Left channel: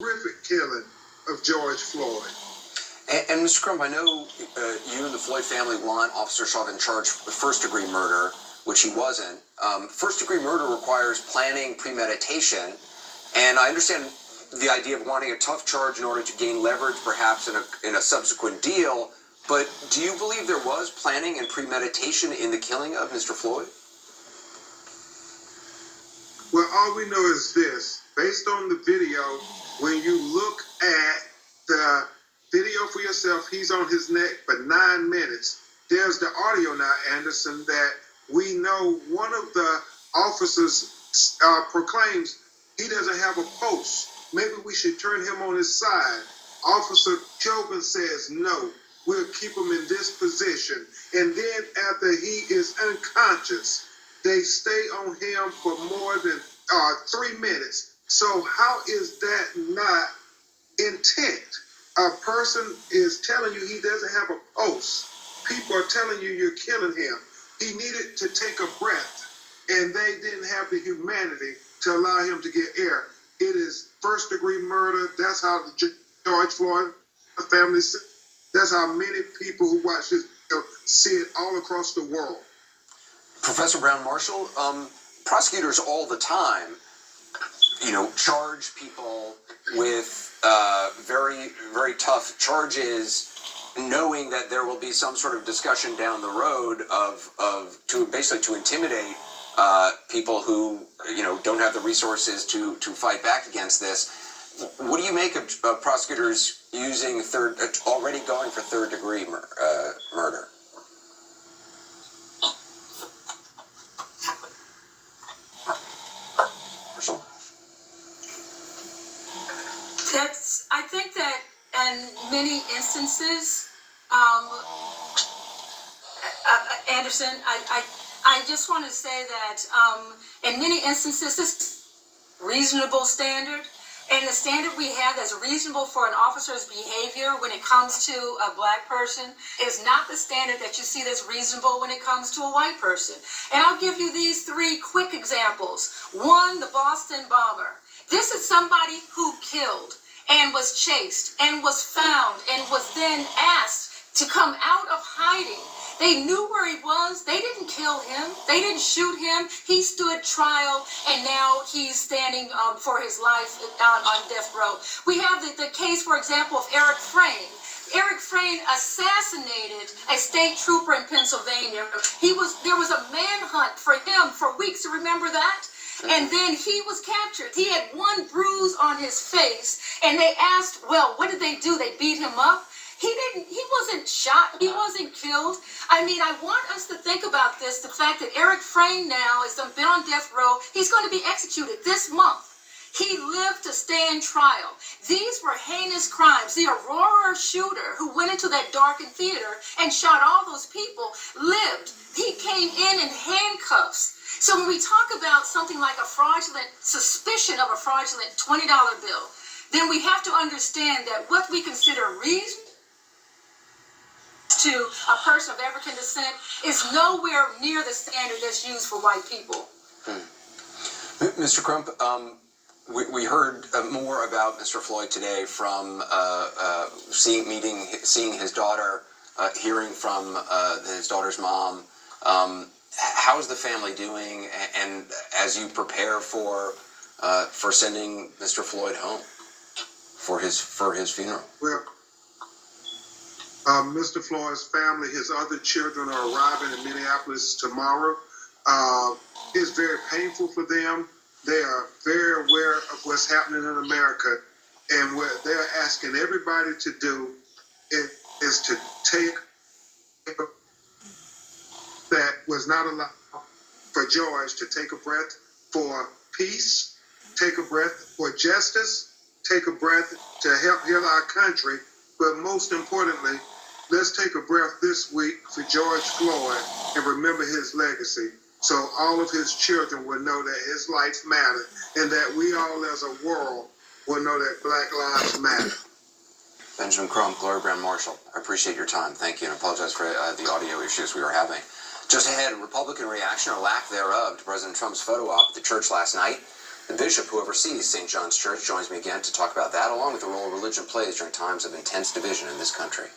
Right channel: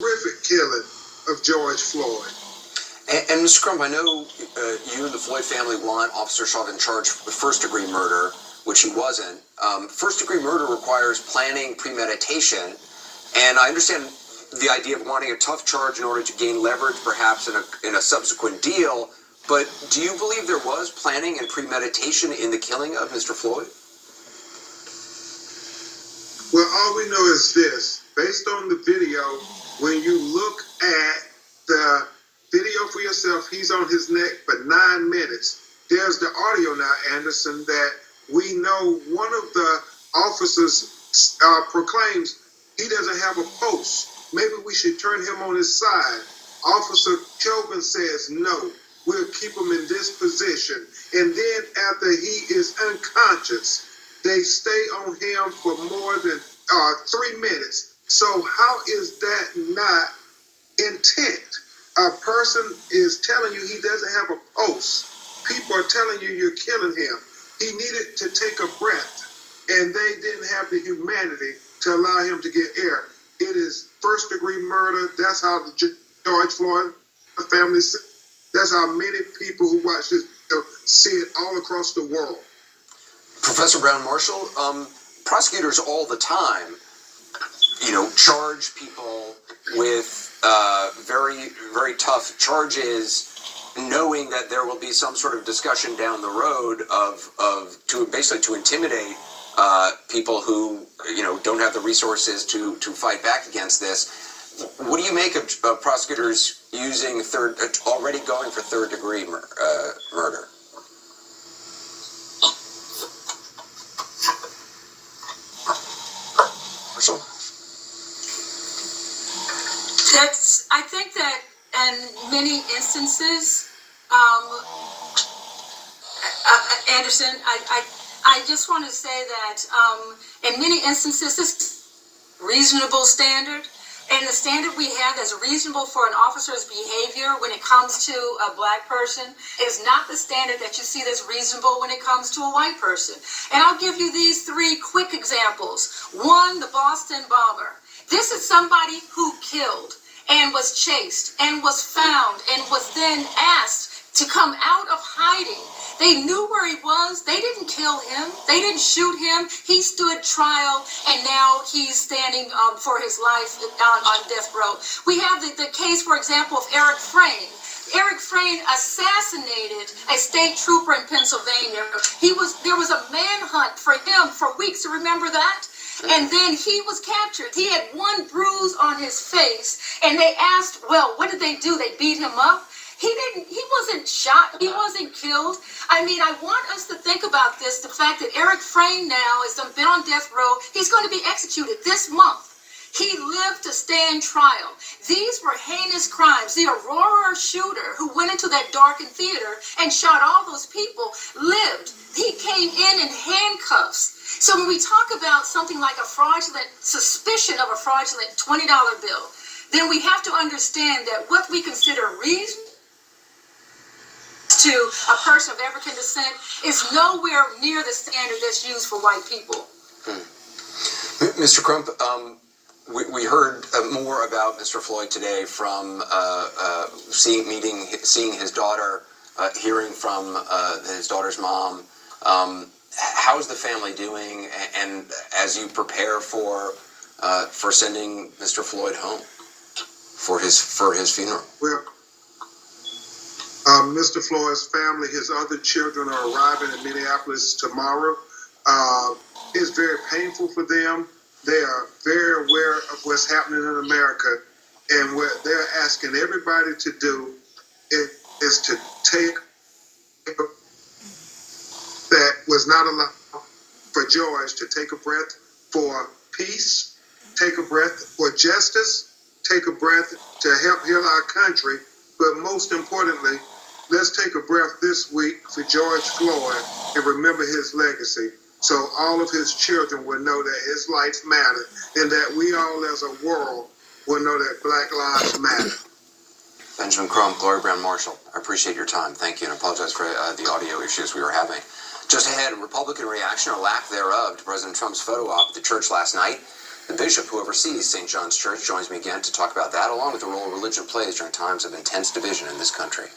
horrific killing of George Floyd. And Mr. Crump, I know you and the Floyd family want Officer Chauvin charged with first-degree murder, which he wasn't. First-degree murder requires planning, premeditation, and I understand the idea of wanting a tough charge in order to gain leverage, perhaps in a subsequent deal. But do you believe there was planning and premeditation in the killing of Mr. Floyd? Well, all we know is this. Based on the video, when you look at the video for yourself, he's on his neck for 9 minutes. There's the audio now, Anderson, that we know one of the officers proclaims he doesn't have a pulse. Maybe we should turn him on his side. Officer Chauvin says no. We'll keep him in this position. And then after he is unconscious, they stay on him for more than 3 minutes. So how is that not intent? A person is telling you he doesn't have a pulse. People are telling you you're killing him. He needed to take a breath, and they didn't have the humanity to allow him to get air. It is first-degree murder. That's how the George Floyd family, that's how many people who watch this see it all across the world. Professor Brown Marshall, prosecutors all the time, charge people with very, very tough charges, knowing that there will be some sort of discussion down the road to intimidate people who don't have the resources to fight back against this. What do you make of prosecutors already going for third-degree murder? Marshall? I think that in many instances, Anderson, I just want to say that in many instances, this reasonable standard, and the standard we have that's reasonable for an officer's behavior when it comes to a black person is not the standard that you see that's reasonable when it comes to a white person. And I'll give you these 3 quick examples. One, the Boston bomber. This is somebody who killed and was chased and was found and was then asked to come out of hiding. They knew where he was. They didn't kill him. They didn't shoot him. He stood trial, and now he's standing for his life on death row. We have the case, for example, of Eric Frayne. Eric Frayne assassinated a state trooper in Pennsylvania. There was a manhunt for him for weeks. You remember that? And then he was captured. He had 1 bruise on his face, and they asked, well, what did they do? They beat him up? He wasn't shot. He wasn't killed. I mean, I want us to think about this, the fact that Eric Frayne now has been on death row. He's going to be executed this month. He lived to stand trial. These were heinous crimes. The Aurora shooter who went into that darkened theater and shot all those people lived. He came in handcuffs. So when we talk about something like a fraudulent suspicion of a fraudulent $20 bill, then we have to understand that what we consider reason to a person of African descent is nowhere near the standard that's used for white people. Mr. Crump, we heard more about Mr. Floyd today from seeing his daughter, hearing from his daughter's mom. How's the family doing? And as you prepare for sending Mr. Floyd home for his funeral? Well, Mr. Floyd's family, his other children are arriving in Minneapolis tomorrow. It's very painful for them. They are very aware of what's happening in America, and what they're asking everybody to do is to take that was not allowed for George to take a breath for peace, take a breath for justice, take a breath to help heal our country, but most importantly, let's take a breath this week for George Floyd and remember his legacy. So all of his children will know that his life mattered, and that we all as a world will know that Black lives matter. Benjamin Crump, Gloria Brown Marshall, I appreciate your time. Thank you, and apologize for the audio issues we were having. Just ahead, Republican reaction or lack thereof to President Trump's photo op at the church last night. The bishop who oversees St. John's Church joins me again to talk about that, along with the role religion plays during times of intense division in this country.